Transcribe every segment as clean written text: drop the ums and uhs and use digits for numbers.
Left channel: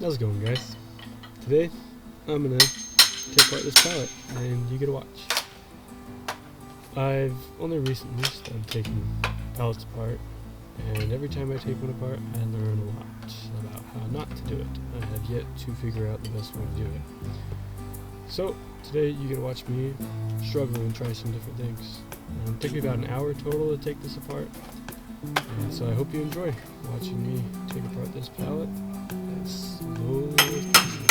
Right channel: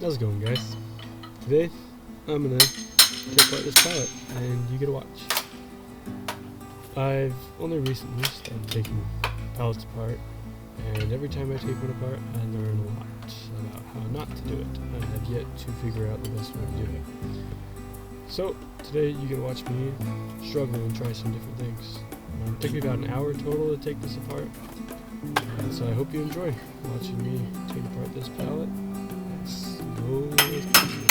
How's it going, guys? Today I'm gonna take apart this pallet and you get to watch. I've only recently started taking pallets apart, and every time I take one apart I learn a lot about how not to do it. I have yet to figure out the best way to do it. So today you get to watch me struggle and try some different things. It took me about an hour total to take this apart, and so I hope you enjoy watching me take apart this pallet as slowly as possible.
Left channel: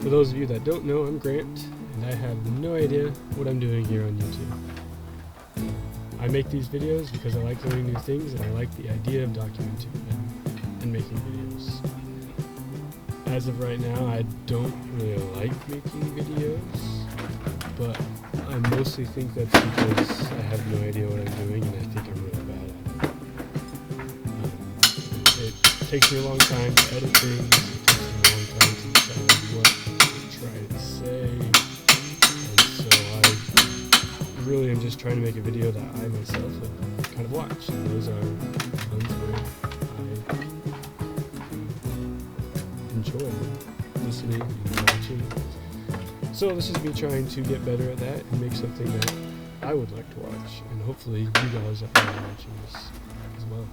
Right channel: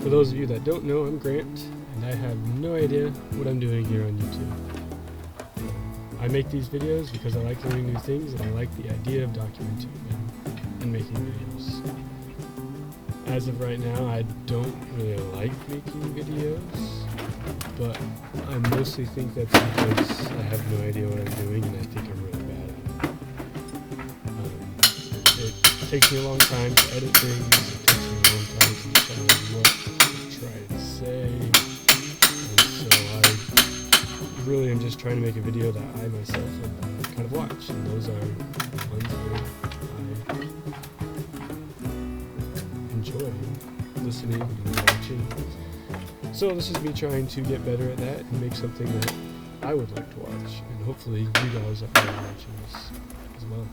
For those of you that don't know, I'm Grant, and I have no idea what I'm doing here on YouTube. I make these videos because I like learning new things, and I like the idea of documenting them and making videos. As of right now, I don't really like making videos, but I mostly think that's because I have no idea what I'm doing, and I think I'm really bad at it. It takes me a long time to edit things. It takes me a long time to decide what to try to say, and so I really am just trying to make a video that I myself would kind of watch, and those are ones where I enjoy listening and watching. So this is me trying to get better at that and make something that I would like to watch, and hopefully you guys are watching this as well.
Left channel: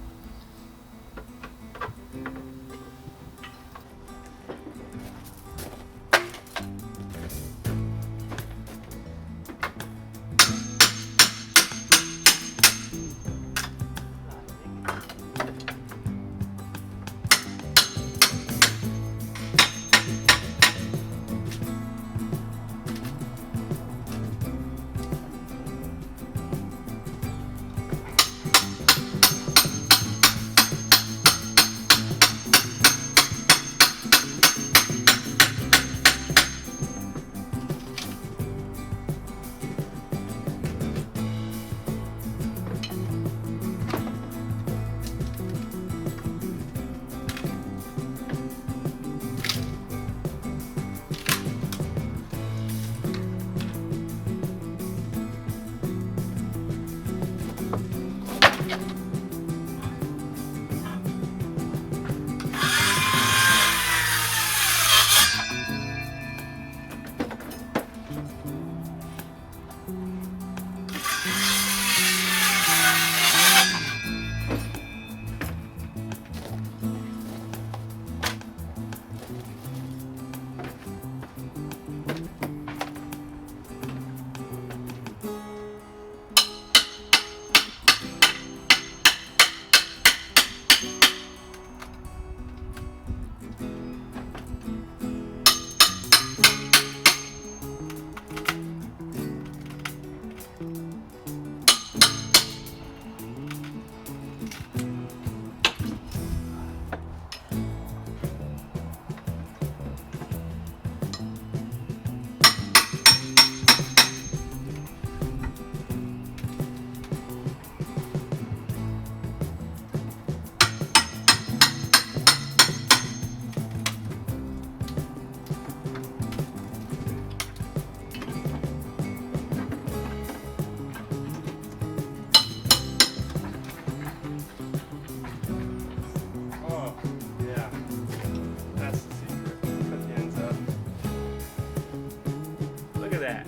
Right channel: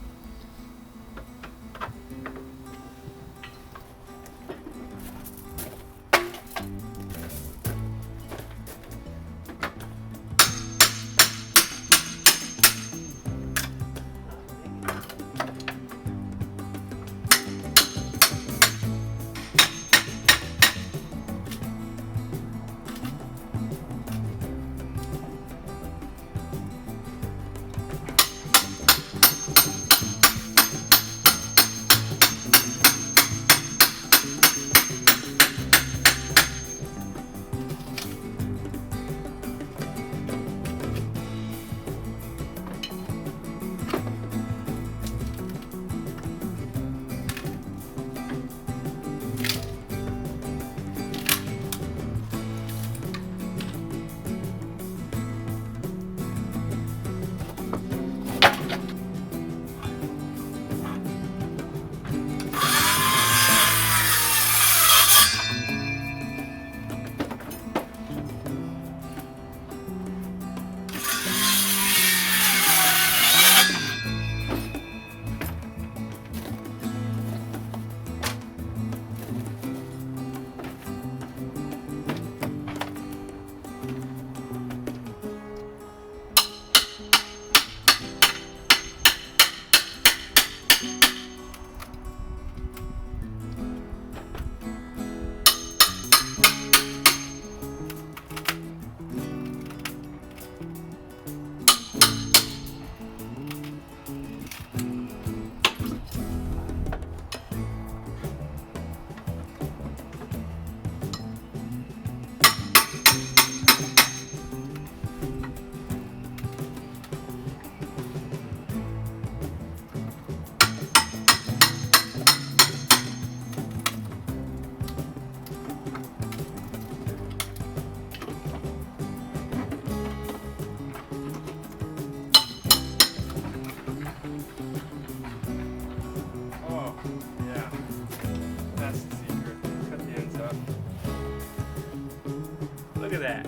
Look at that.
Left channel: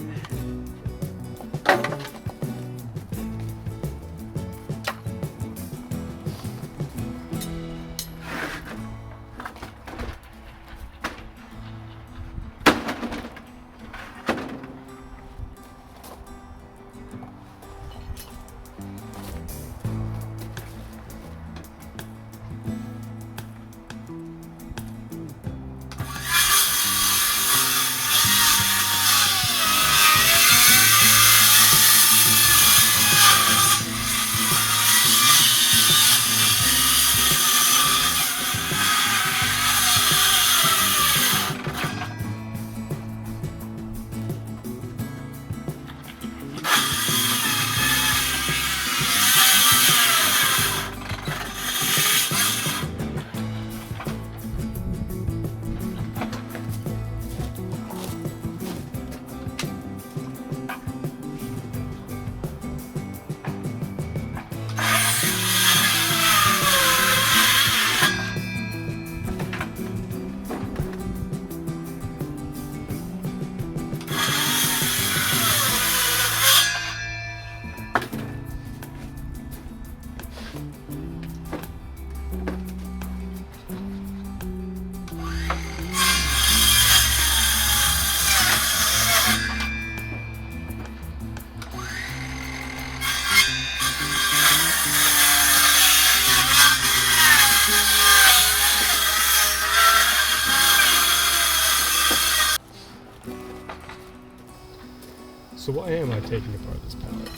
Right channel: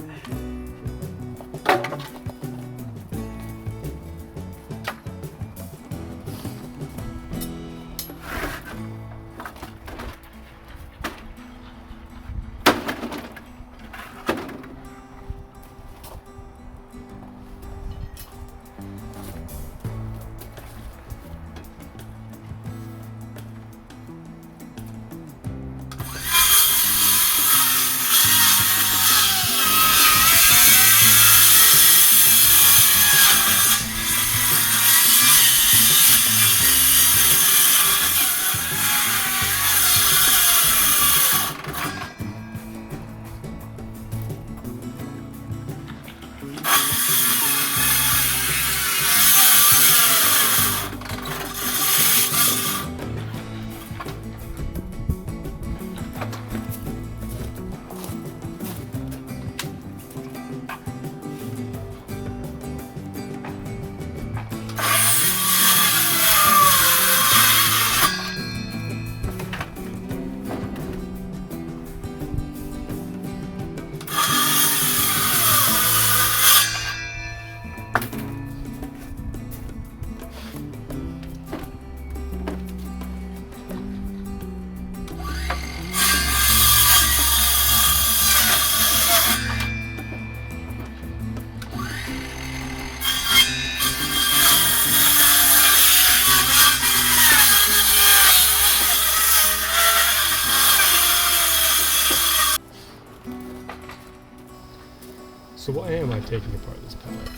So why am I taking apart this pallet?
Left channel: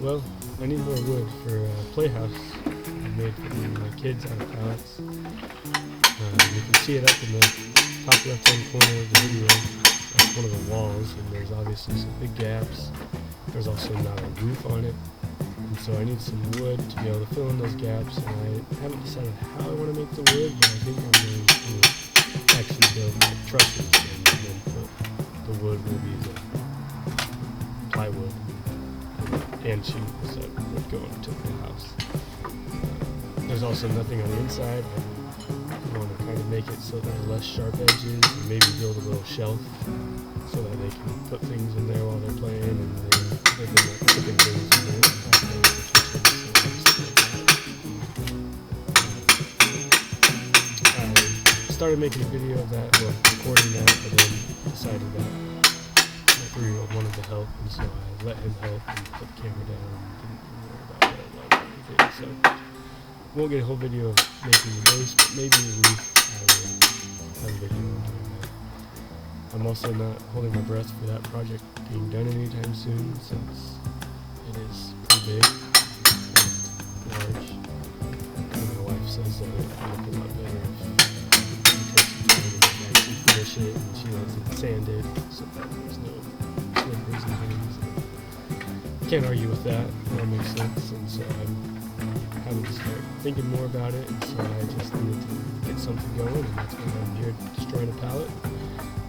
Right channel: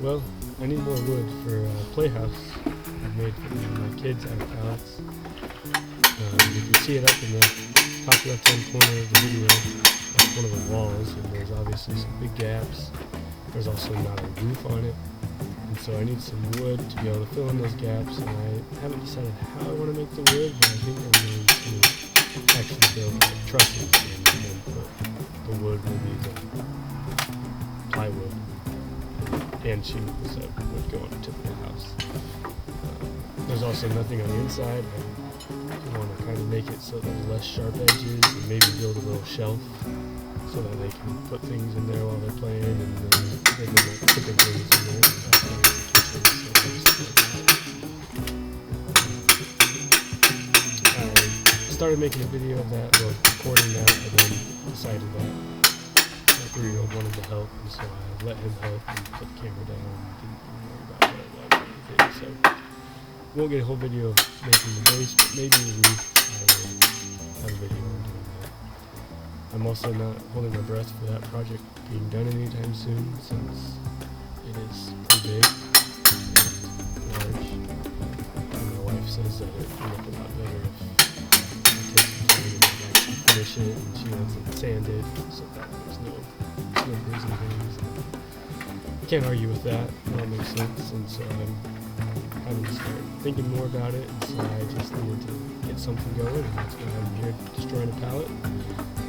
Well, I need more wood for a playhouse I made for me and my kids out of pallets. You can see it up in the top left-hand corner of the video. That's one of the walls, and there's obviously some big gaps. There's also not a roof on it, and so I need some wood to be able to fill in those gaps, and I haven't decided how I want to make the wood, but I think I'm going to actually build like trusses and then put the wood will be the plywood and shingles that would go on a typical house. There's also nothing on the inside. I want to kind of make it so there's less sharp edges, and maybe build a little shelf so that they can put things in there while they're playing, and they've been like putting things in there. It's the kitchen, so stuff like that. I started making a video of that, well, recording that, but then decided that my 3-year-old wanted to help, and so I let him help and put the camera down and didn't even worry about what it was or anything. So won't get a whole video of making the base, but maybe the roof I will have a video on doing that. I'm also not holding my breath for that project being done anytime soon, since it is pretty big and large. And my wife says that it would look a lot better if I take some time and actually finish it, and she wants it sanded so that there's no slivers and things. And can't argue with that. That makes sense, and so I'm having to start thinking more about it, and so I just needed to get something going, and that's why I'm here destroying a pallet,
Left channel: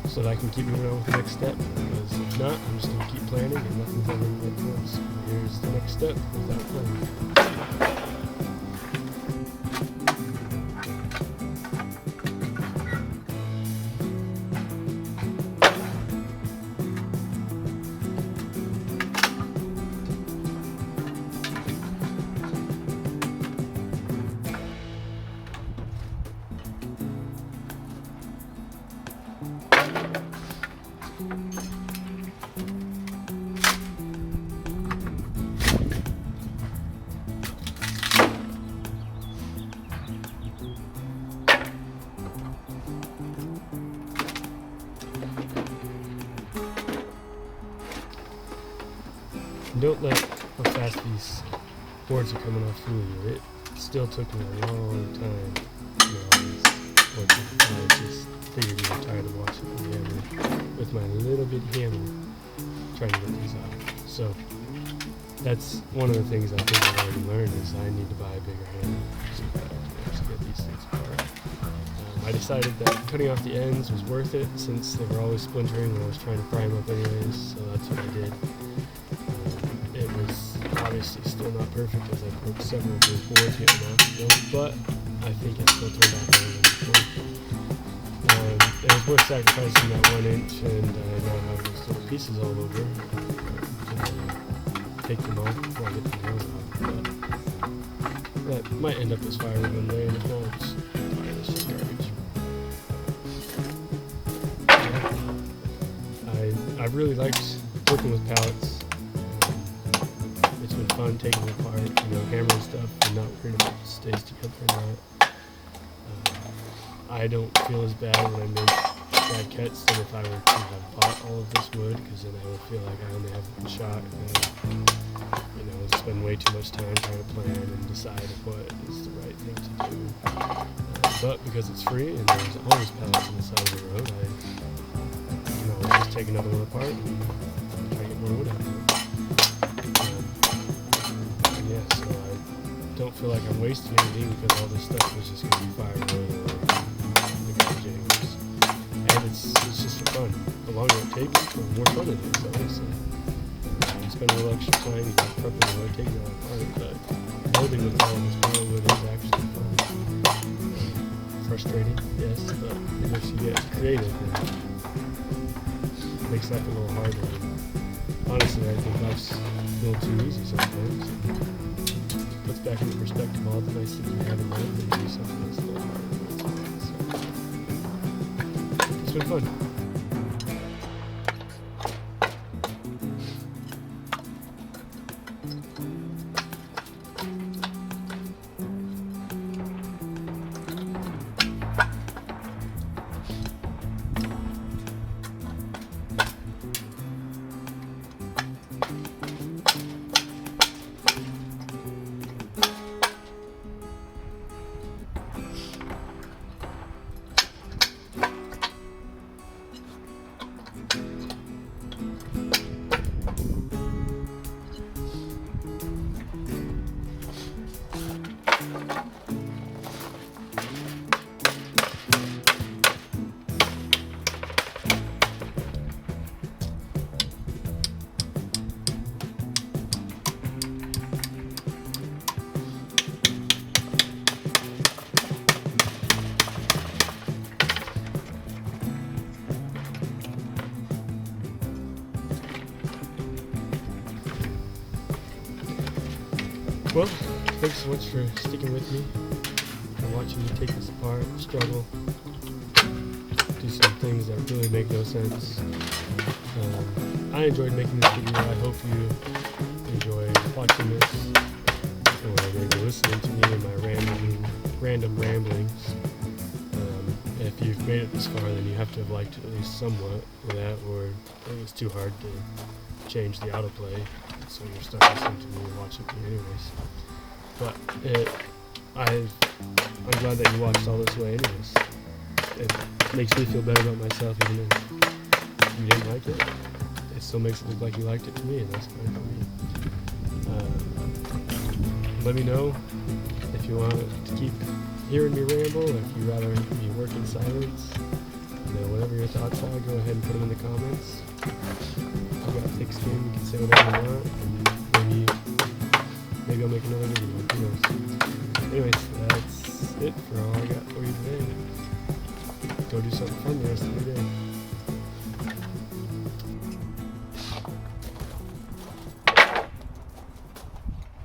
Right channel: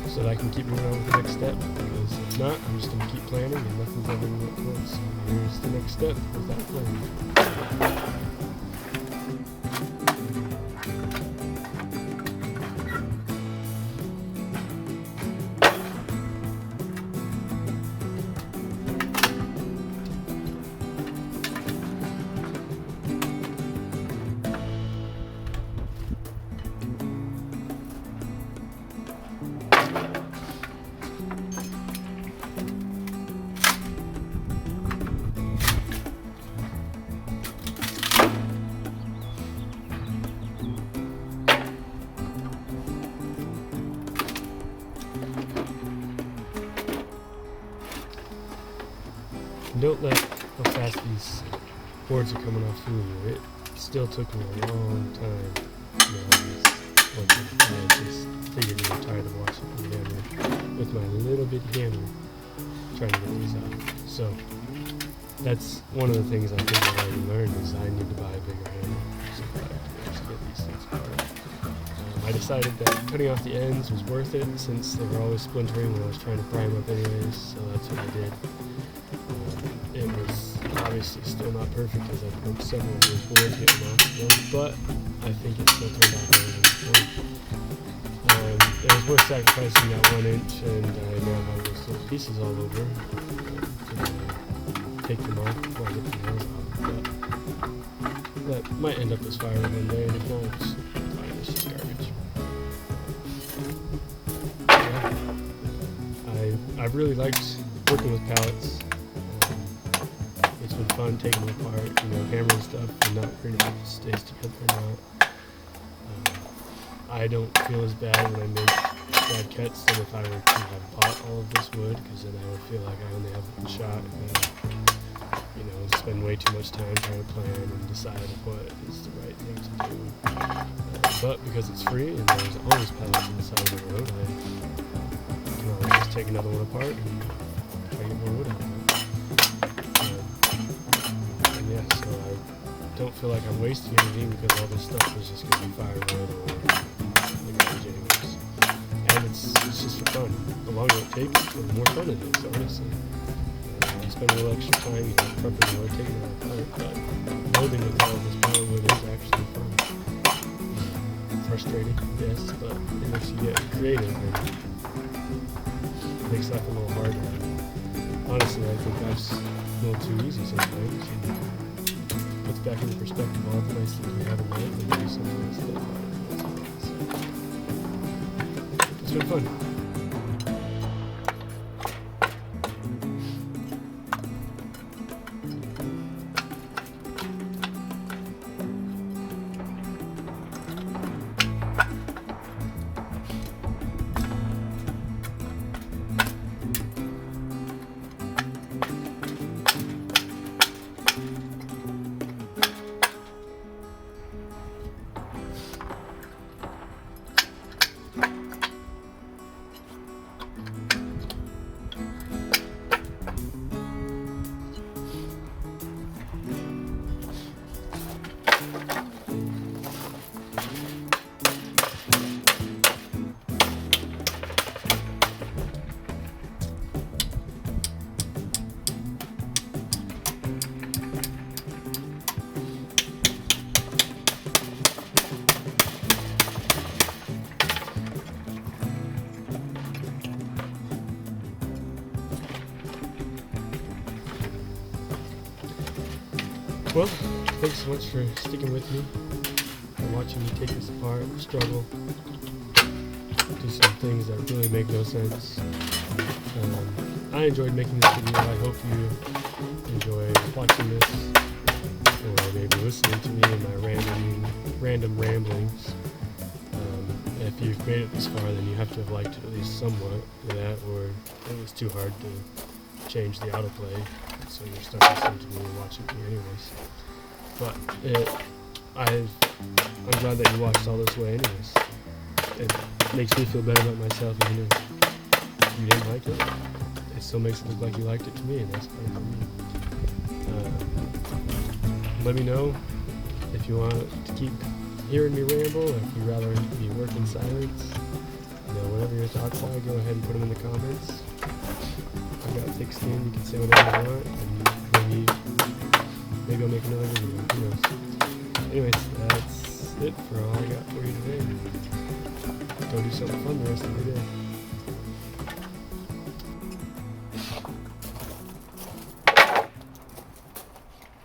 so that I can keep moving on with the next step, because if not, I'm just going to keep planning and nothing's ever going to get close. Here's the next step without planning. Don't let how fast these boards are coming off fool you. It still took me a long time to get all these boards off. I just figured you were tired of watching me hammer with my little bitty hammer trying to get these off. So that's one of the things I think I've already learned, is I need to buy a bigger hammer so that I can actually get these things apart. I decided that cutting off the ends was worth it, since they were always splintering when I was trying to pry them up anyways, so that's what I did. It was obviously still not perfect, as I broke several of those boards getting them off still, but I think it still turned out better than before. It was worth sacrificing that 1 inch, and I now have those little pieces all over. I'm gonna take them off before I get the nails off, but that might end up as firewood one day, and if not, it's fine, it's just garbage. Yeah. I've really liked working with pallets. It's been fun taking them apart, hammering stuff and not worrying if it stays together or not. I don't feel as bad when I make brackets than if I were to have bought all of this wood, because then I would feel like I only have one shot, and then, spend way too much time trying to plan and decide what is the right thing to do. But because it's free and there's always pallets on the side of the road, I can always just take another one apart and try to get more wood out of it. Yeah, so I don't feel like I'm wasting anything, because all this stuff was just going to be firewood or the garbage anyways. And it's just for fun. The longer it takes, the more fun it is, honestly. You spend a little extra time, prepping the wood, taking it all apart, but building with all of this firewood is actually fun. Frustrating, yes, but it makes you get creative and makes life a little harder. And honestly, I think life's a little too easy sometimes. Puts back into perspective all the nice things you have in life, and you do something that's a little harder than what's on. So it's been fun. Well, thanks so much for sticking with me and watching me take this apart, struggle, do some things that really make no sense. I enjoyed making this video. I hope you enjoyed watching this, or maybe listening to me and my random ramblings. If you've made it this far, then you have to have liked it at least somewhat with that, or it was too hard to change the autoplay, so you're stuck listening to me and watching me anyways. But I'm glad that you watched all this way anyways. It makes me feel better about myself, even if you didn't like it. It still makes it look like you liked it to me, and that's fine for me. Let me know if you want to keep hearing me ramble, or if you'd rather me work in silence. Whatever your thoughts are, go ahead and put them in the comments. I've got thick skin, you can say whatever you want, and maybe I'll make another video, who knows. Anyways, that's it for all I got for you today. Go do something fun the rest of your day.